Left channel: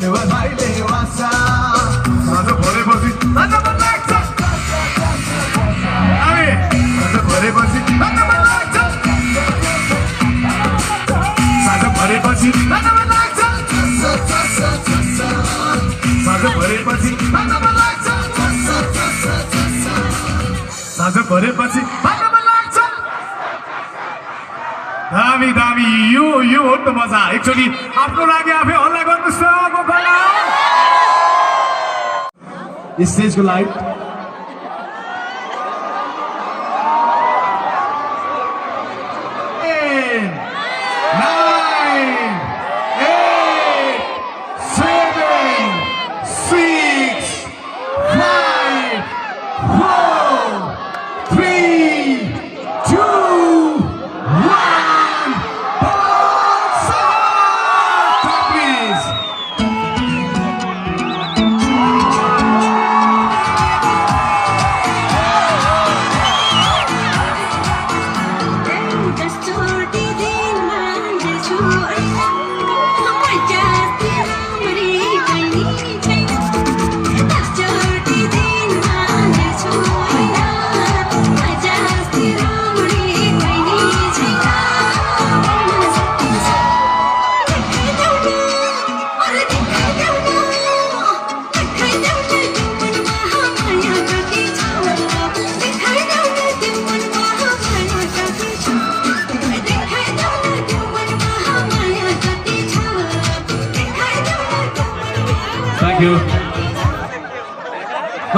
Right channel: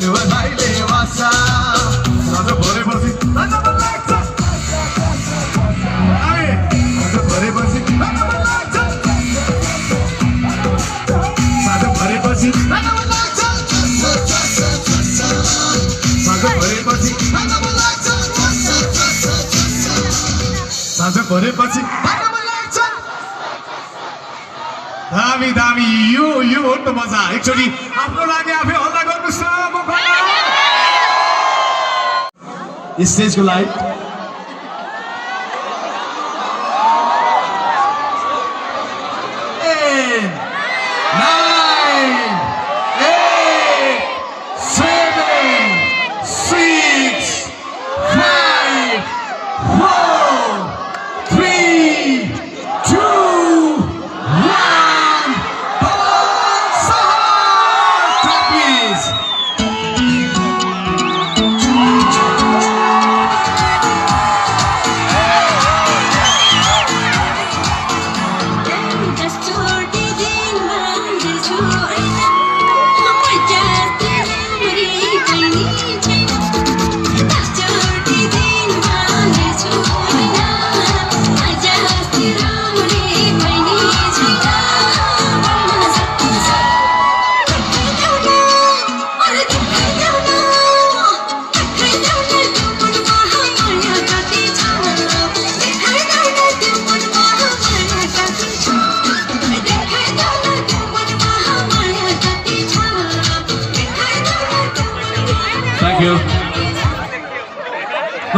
Never गरेपछि भाग्नमा लाग्छ दामी दामी यो हो त मजा एकचोटि आफ्नो लागि आफै हल्ला गर्नु सबको गला स्टेजको लाइट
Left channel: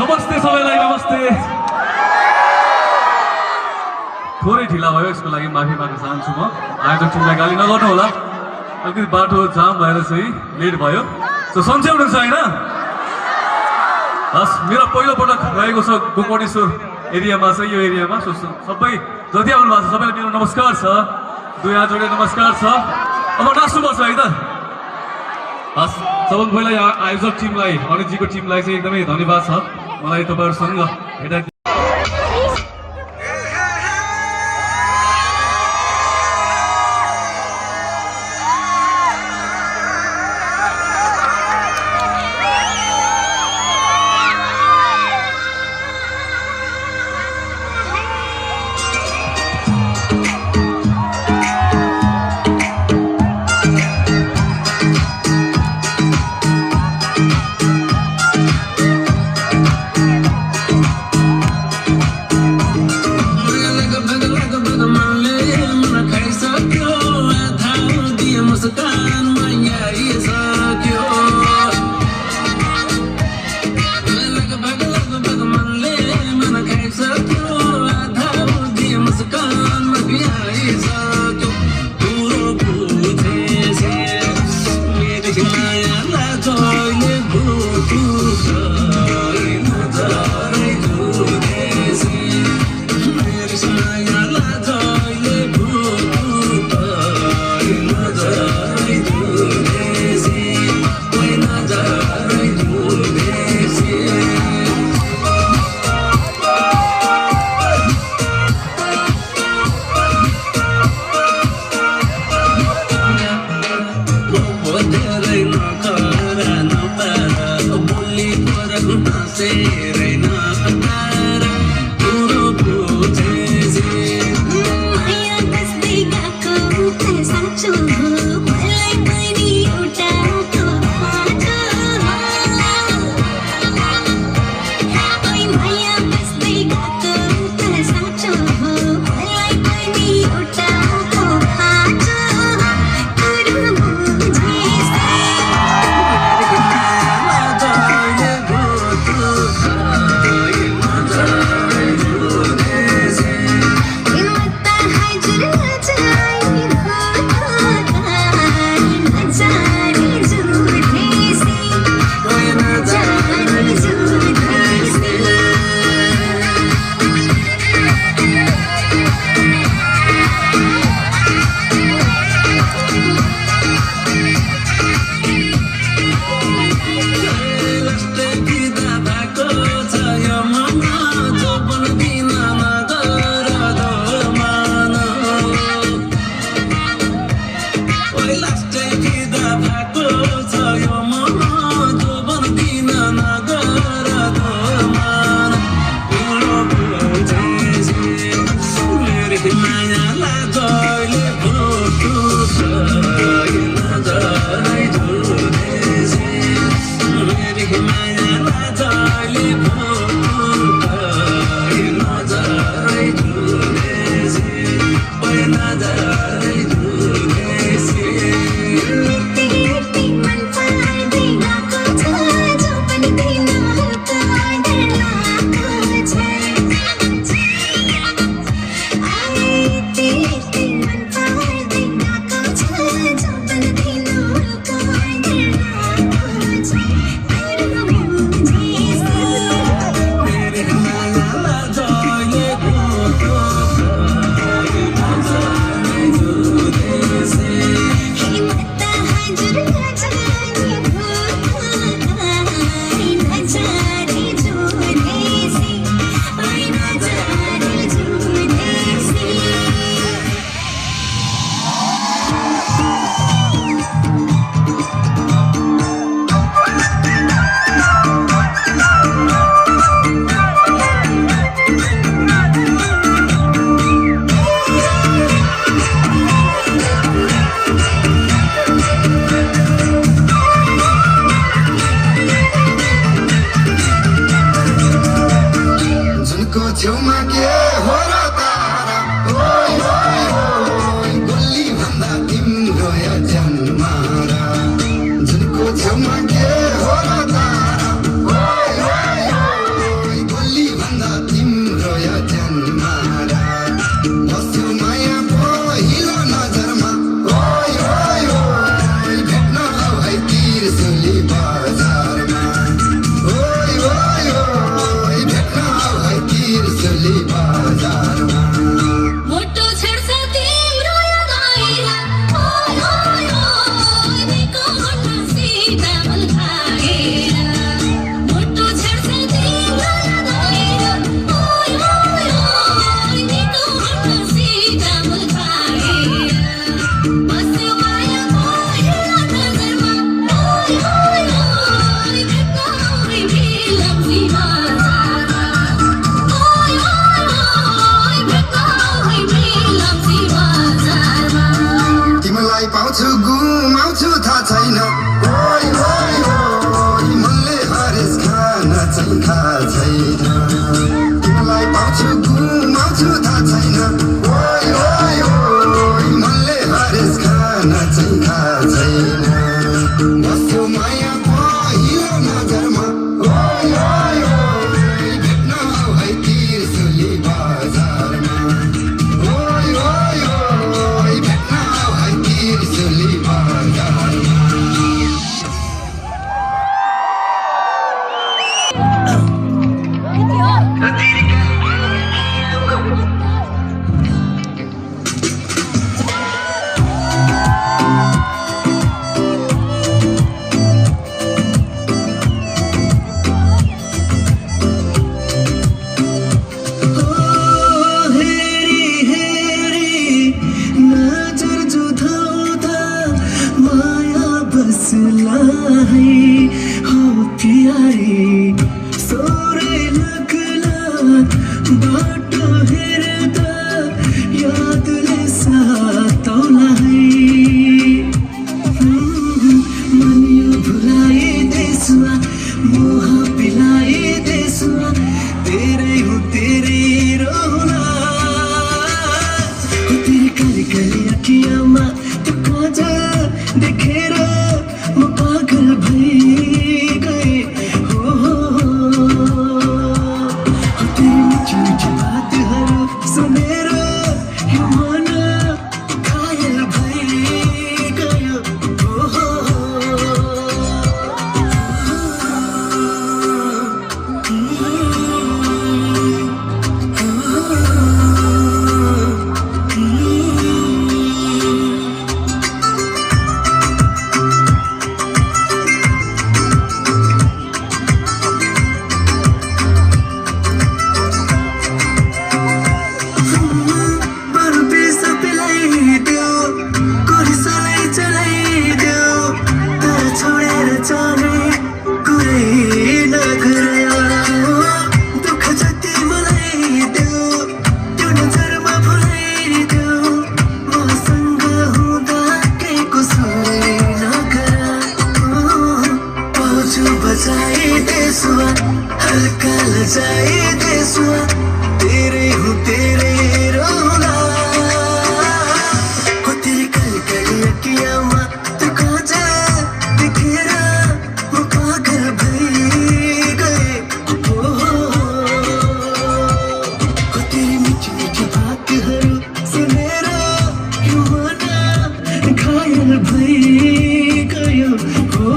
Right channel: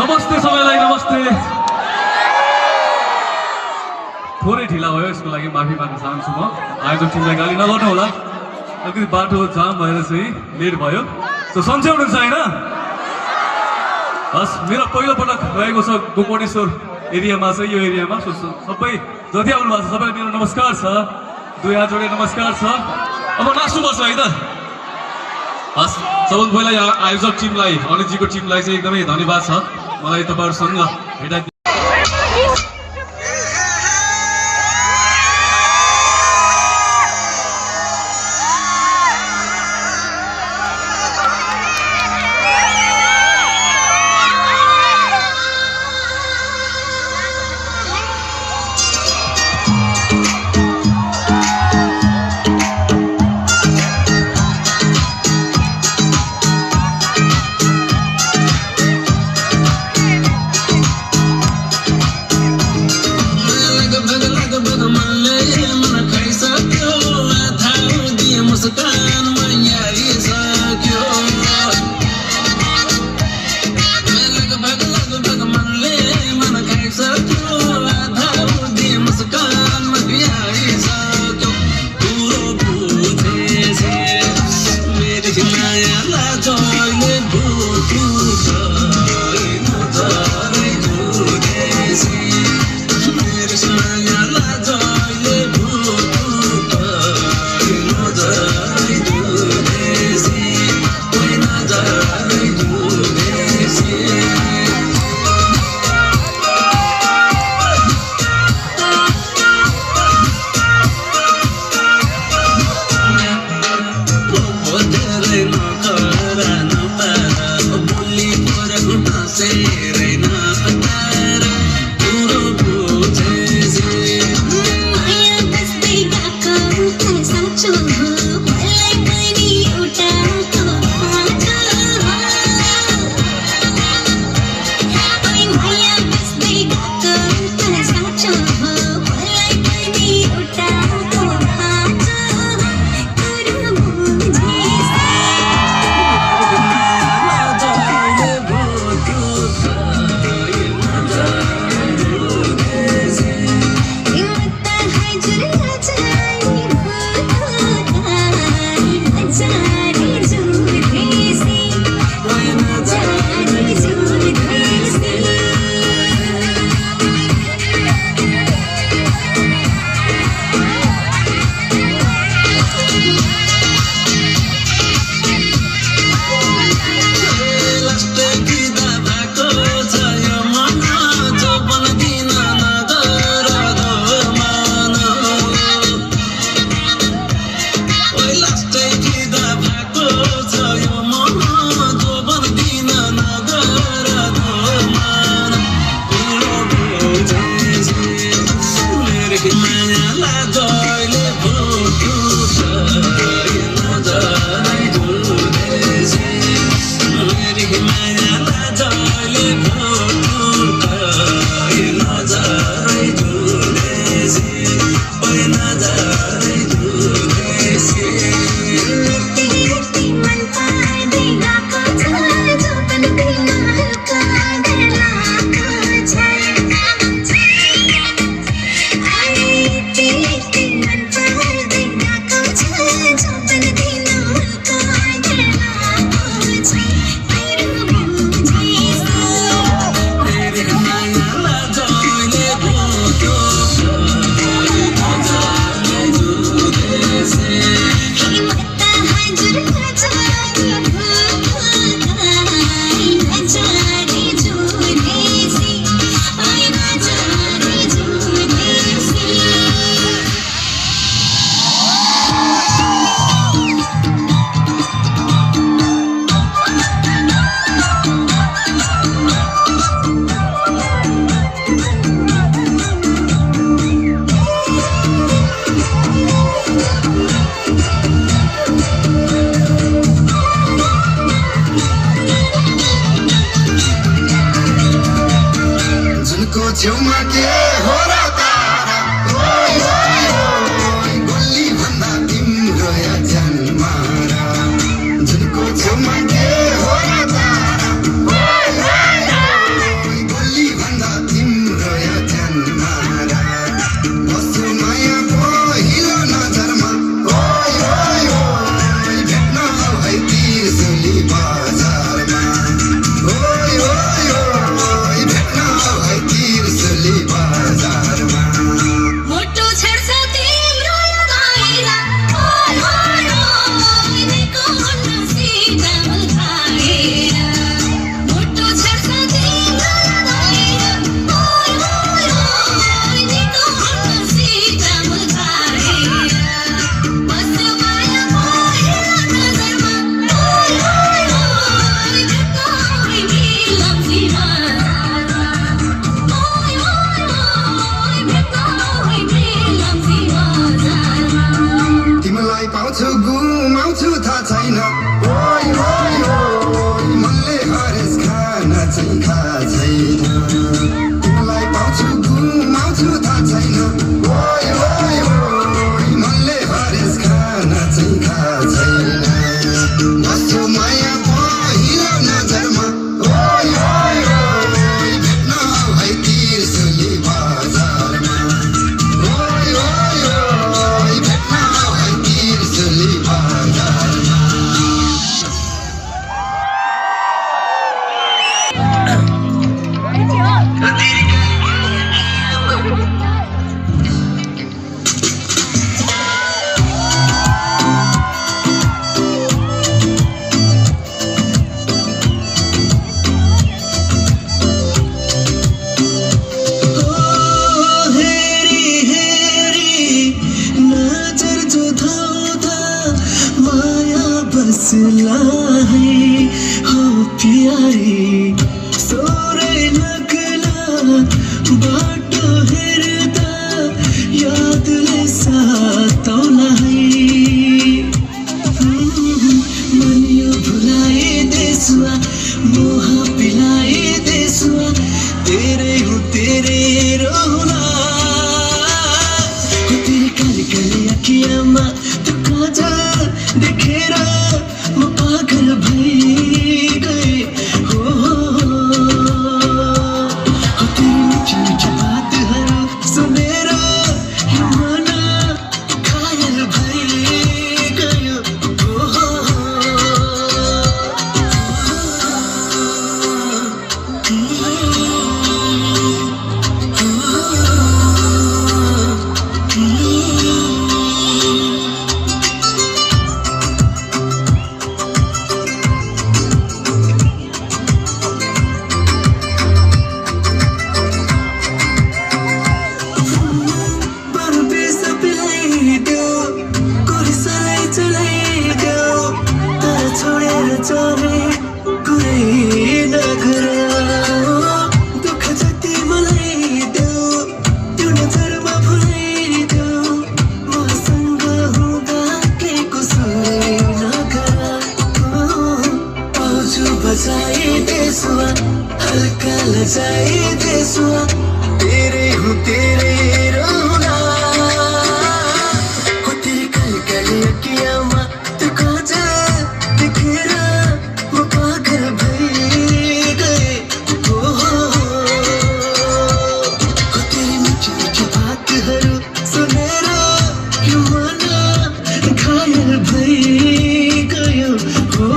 नमस्ते सबैलाई नमस्ते थोरै ढिला भयो यसको लागि माफी माग्न चाहन्छु म आयोजक टिमलाई गाली नगर्नु होला अलिकति बाटो जाम भएर चाहिँ लेट भयो सो सन्चै हुनुहुन्छ होइन हस् मेरो पहिलो पटक रहेको छ गोकर्णेश्वर एरियामा चाहिँ यो एरियामा सो सबै जति आउनु भएको छ सबैलाई मेरो नमस्कार छ दुई हात जोडेर नमस्कार छ अब नाच्नुपर्छ है त हस् सबभन्दा पहिला आयोजक टिमलाई अनितजीको टिमलाई चाहिँ एकदमै धन्यवाद छ मलाई तपाईँहरूसँग भेटा छेउमा के हो र तारा ओइ ओइ ओइ गोली भन्दा तिम्रो या जन्मारा जुनको छेउमा के हो र तारा ओइ ओइ ओइ गोली भन्दा तिम्रो या जन्मारा बस्छु माया पहिलो नजरमा ओइ ओइ ओइ भेट्न आऊ है तिर्सुली बजारमा ओइ ओइ ओइ भेट्न आऊ है तिर्सुली बजारमा मोटो छेड्छ तिम्रो यो दाइरा ओइ ओइ ओइ निको हुन्न सीता मल्खाएर मोटो छेड्छ तिम्रो यो दाइरा ओइ ओइ ओइ निको हुन्न सीता मल्खाएर बस्यो माया पहिलो नजरमा ओइ ओइ ओइ भेट्न आउने मिलम्सी बजारमा ओइ ओइ ओइ भेट्न आउने मिलम्सी बजारमा तिमीलाई पाउँछु गुमाउँछु थाहा छैन ओइ ओइ ओइ मनले हरेस खान चाहिँ थाहा छैन तिमीलाई पाउँछु गुमाउँछु थाहा छैन ओइ ओइ ओइ मनले हरेस खान चाहिँ थाहा छैन बस्छु माया पहिलो नजरमा ओइ ओइ ओइ भेट्न आऊ है तिर्सुली बजारमा ओइ ओइ ओइ भेट्न आऊ है तिर्सुली बजारमा हेरी हेरी नजर जुधाउँदा माया बस्ला है हो प्यारी सोरे लाग्ला बाटो हेर्दा यादले सातौला है मन यो भुलाइदेसुवा मोह पिलाइदेसुवा तेरै हो तेरै रोना हो तेरे काली काली अखियाँमा त्यो काजल देखेर म पागल भइगएँ हो तेरे मिठो मिठो बातहरू सुनेर यो मन घायल भइगयो बरु बिर्स पिलाइदेऊ कोरिसलाई चलाइदेऊ तर छोडेर जाने कुरै नगर दुःख जति मलाई देऊ त्यो नजरमा भुलाइदेऊ मसँग हुँदा केही कुसुरै नगर पाउँछु बचाइदेसुवा हल्का लजाइदेसुवा तेरै हो तेरै रोना हो तेरे काली काली अखियाँमा त्यो काजल देखेर म पागल भइगएँ हो तेरे मिठो मिठो बातहरू सुनेर यो मन घायल भइगयो हो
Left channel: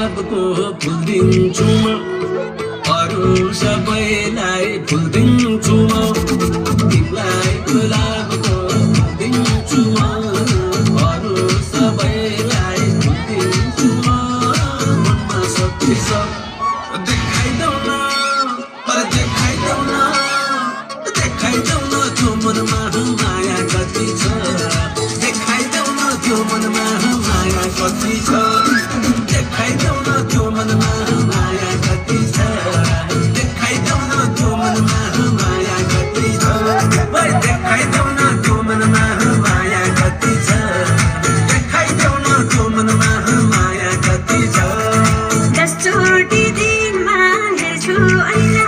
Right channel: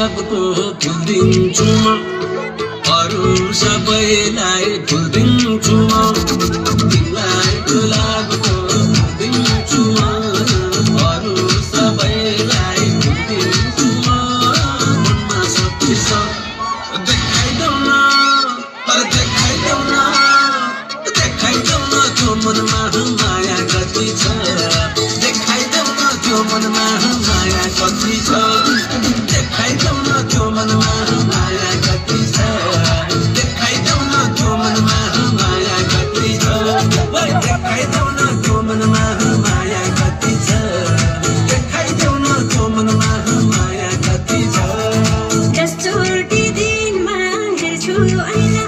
गुलाबको फुल दिन्छु म अरू सबैलाई फुल दिन्छु म तिमीलाई गुलाबको फुल दिन्छु म अरू सबैलाई फुल दिन्छु म मनमा शक्ति छ देखाइदेऊ न अरे देखाइदेऊ न त्यो मनमा माया कति छ देखाइदेऊ न त्यो मनमा माया कति छ देखाइदेऊ न त्यो मनमा माया कति छ देखाइदेऊ न त्यो मनमा माया कति छ देखाइदेऊ न त्यो मनमा माया कति छ देखाइदेऊ न त्यो मनमा माया कति छ दसचोटि दिनमा हेर्छु ऐना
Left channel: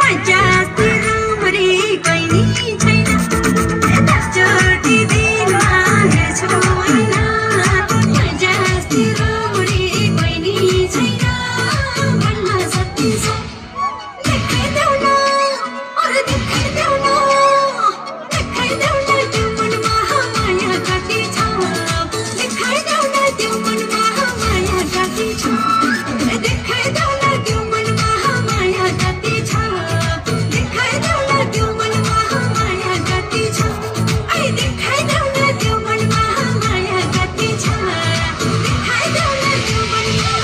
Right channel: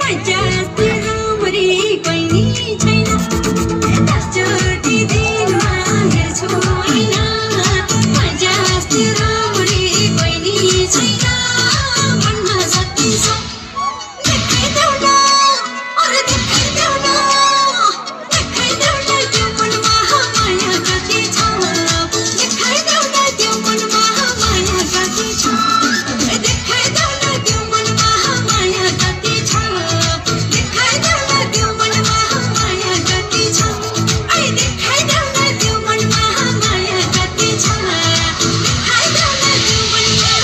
मजा राम्ररी बहिनी छैन दसचोटि दिनमा हेर्छु ऐना मजा राम्ररी बहिनी छैन मनमा शक्ति छ देखाइदेऊ न अरे देखाइदेऊ न त्यो मनमा माया कति छ देखाइदेऊ न त्यो मनमा माया कति छ देखाइदेऊ न त्यो मनमा माया कति छ देखाइदेऊ न त्यो मनमा माया कति छ देखाइदेऊ न त्यो मनमा माया कति छ देखाइदेऊ न त्यो मनमा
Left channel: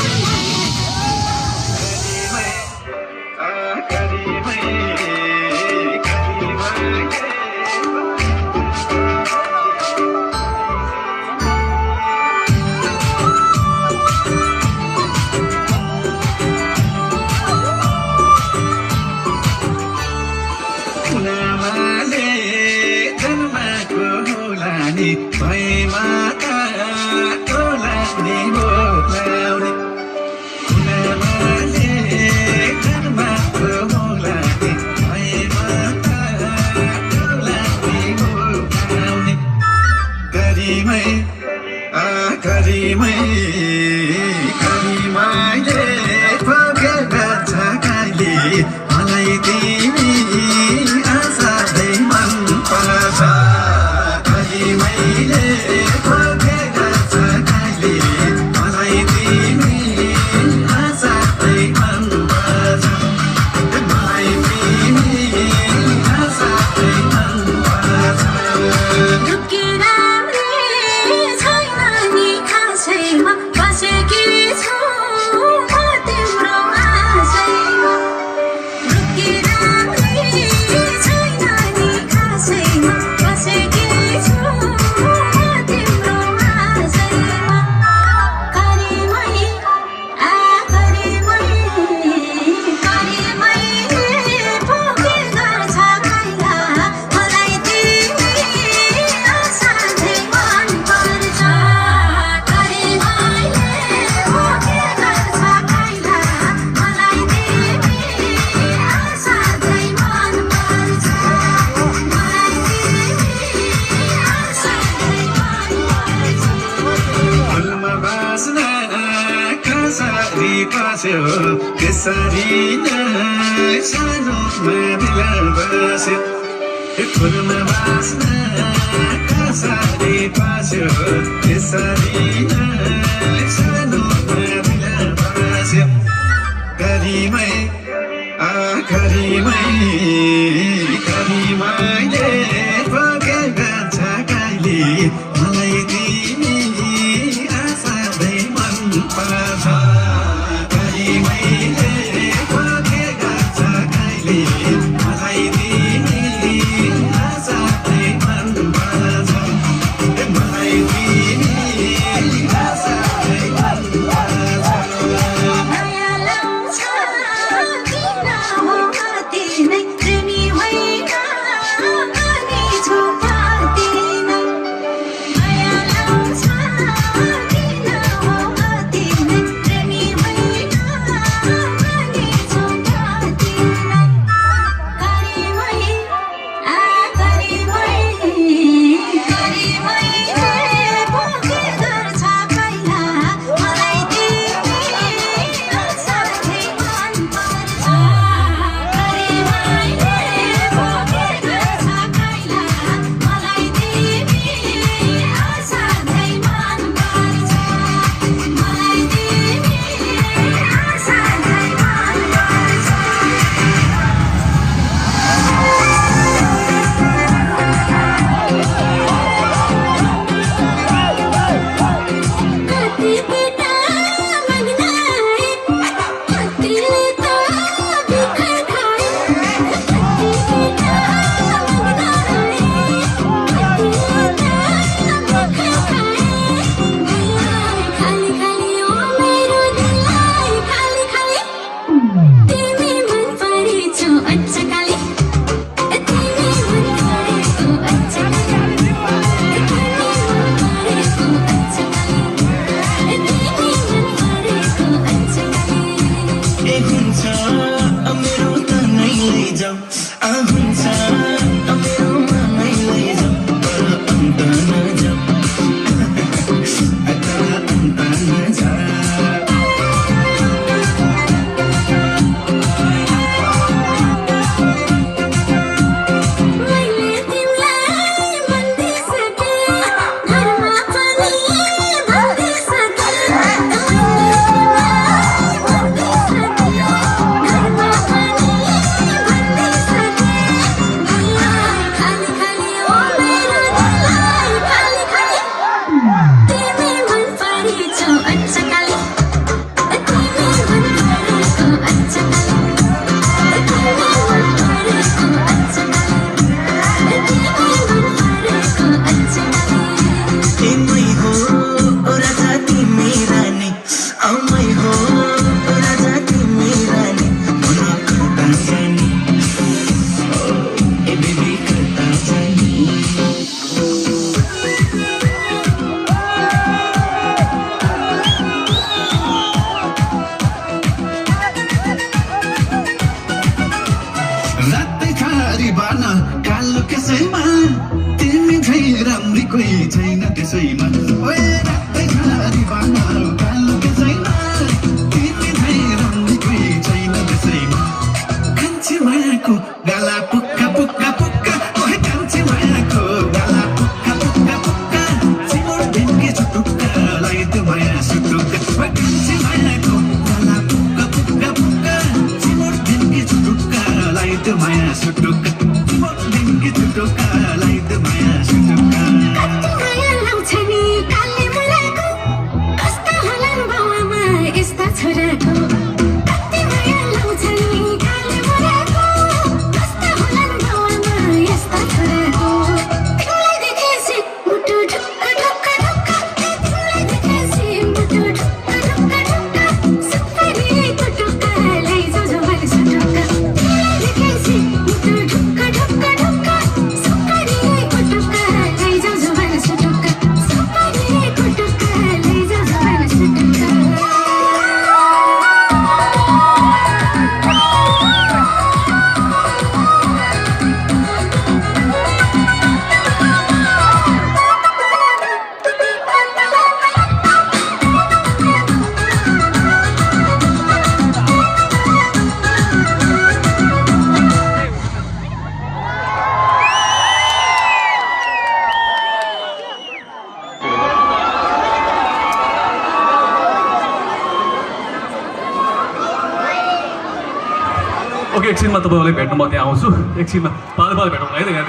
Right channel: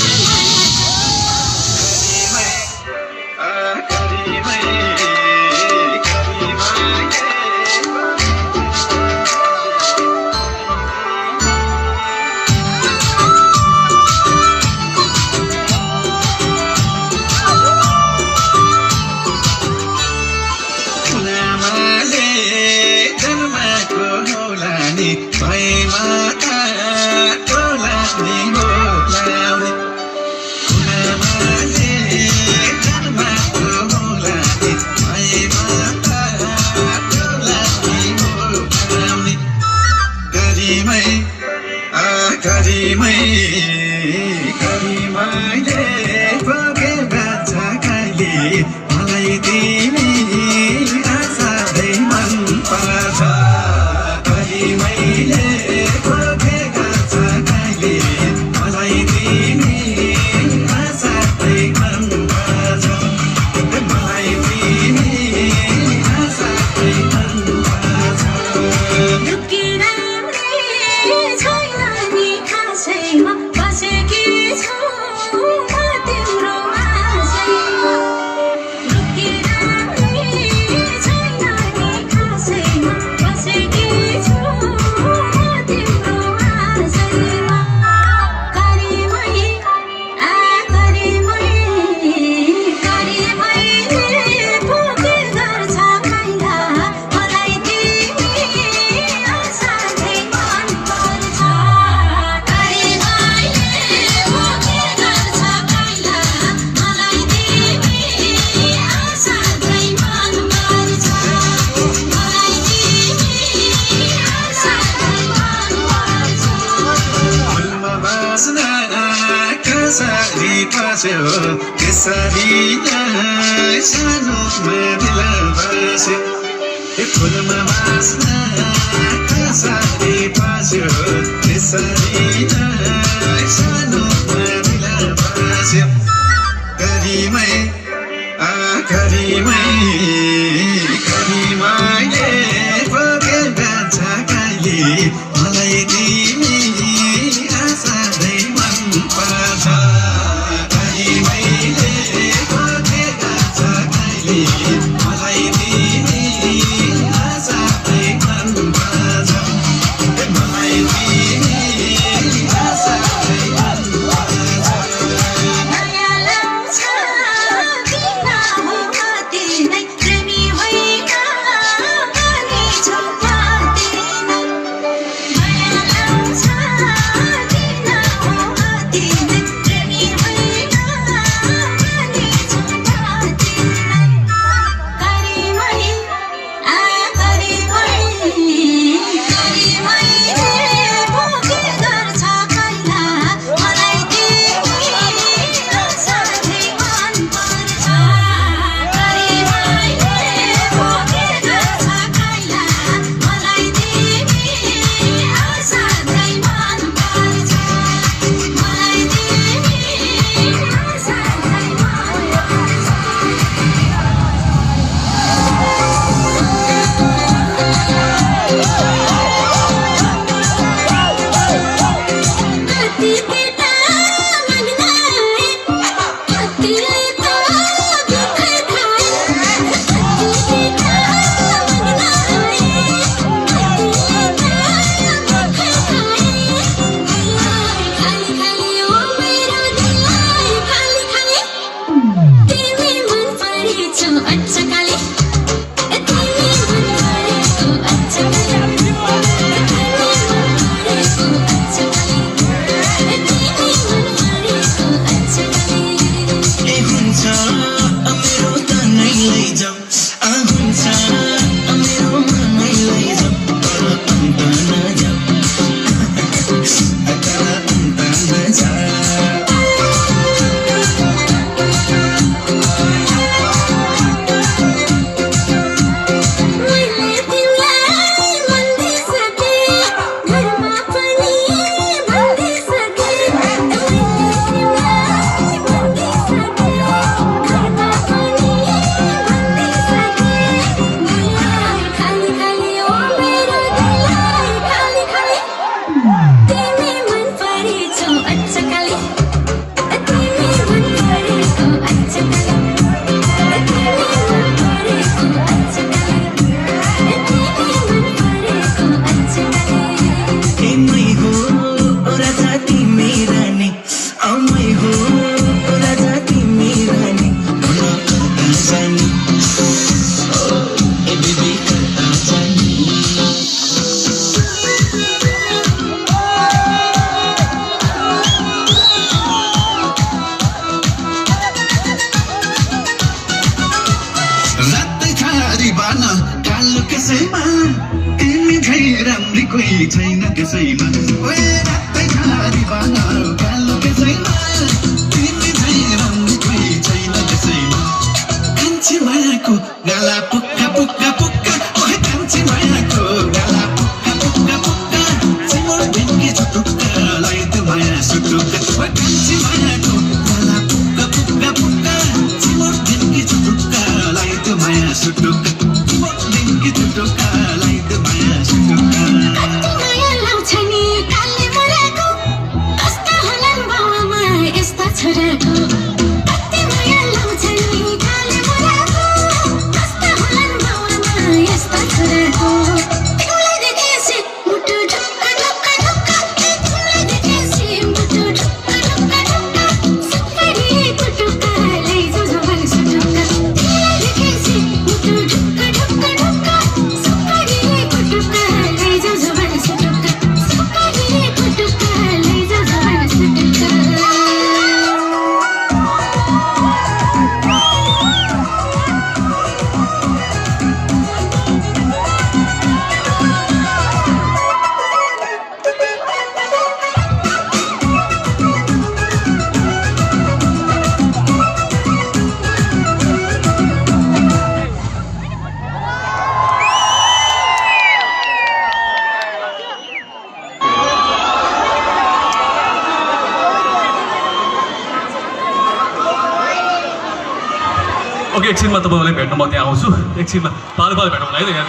लामाले जन्माको होला नि भैमा काको लाग्ने बोलाउने लामाले जन्माको होला नि भैमा काको लाग्ने बोलाउने गरिमै गरिमाले पगेका छ कहिले मलाई तिमी आशादै मन पर्छ गरिमाले पगेका छ कहिले मलाई तिमी आशादै मन पर्छ मलाई तिमी आशादै मन पर्छ लुकेर छैन नि खासैमा बसेकी छु म तिम्रो आशैमा लुकेर छैन नि खासैमा बसेकी छु म तिम्रो आशैमा गरिमै पुगेका छ कैना मलाई तिमी आशादै मन पर्छ गरिमैले पुगेका छ कैना मलाई तिमी आशादै मन पर्छ मलाई तिमी आशादै मन पर्छ फुलमा बाँच्न कसरी बस्यो त्यसरी नै सानोमा बिला बस्यो फुलमा बाँच्न कसरी बस्यो त्यसरी नै सानोमा बिला बस्यो गरिमाले पगेका छ कहिले मलाई तिमी आशादै मन पर्छ गरिमाले पगेका छ कहिले मलाई तिमी आशादै मन पर्छ मलाई तिमी आशादै मन पर्छ माया लाउँछ किन हो कति नै कोही छैन त्यसैमा ओए रातै खाली बानर कालो त्यसैमा तिमी झै राम्रो कोही छैन त्यसैमा कान्छी मायाको गाला पुक्का पुक्का पुक्का ओए कान्छी मायाको गाला पुक्का पुक्का पुक्का चिमोड भेन्के छुटुक्का लाइद माया सुटुक्का ओए कान्छी मायाको गाला पुक्का पुक्का पुक्का चिमोड भेन्के छुटुक्का लाइद माया सुटुक्का चिमोड भेन्के छुटुक्का लाइद माया सुटुक्का कति माया लाउँछ नि कालले मरेको कस्ता होलान् बाउआमा यस्ता छोराको कति माया लाउँछ नि कालले मरेको कस्ता होलान् बाउआमा यस्ता छोराको तिमीलाई देखेपछि मुटु ढुक्क ढुक्क ढुक्क तिमीलाई देखेपछि मुटु ढुक्क ढुक्क ढुक्क सुपारी कुटुक्का लैजाऊ जवान सुटुक्का तिमीलाई देखेपछि मुटु ढुक्क ढुक्क ढुक्क सुपारी कुटुक्का लैजाऊ जवान सुटुक्का सुपारी कुटुक्का लैजाऊ जवान सुटुक्का ओके एकछिनमा तपाईँलाई भेट्न म त्यहाँ आउँछु एकछिनमा पालो पालो भेटौँ है त यहाँ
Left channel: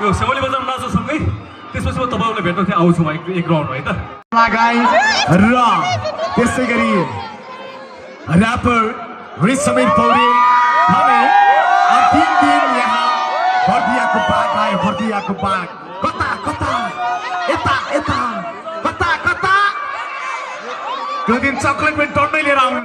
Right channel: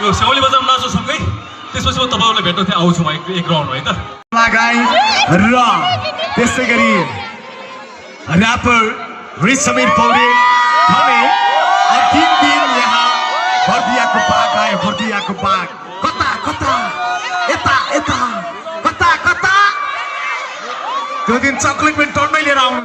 यो सेवाली बजारमा नाच्छु सँगै त्यसपछि म तपाईँहरूलाई भेट्न त्यहाँ आउँछु म एक राउन्ड है त गाई र त्यसै गरी ऱ्यापर रिच समीर पौडेल हमें अंतिम दिन यहाँ बर्दियाको बाग आए बर्दियाको बाग कता कता यता यता कता कता त्यो दिन चक्लेट पनि टन्नै लिएर आउनु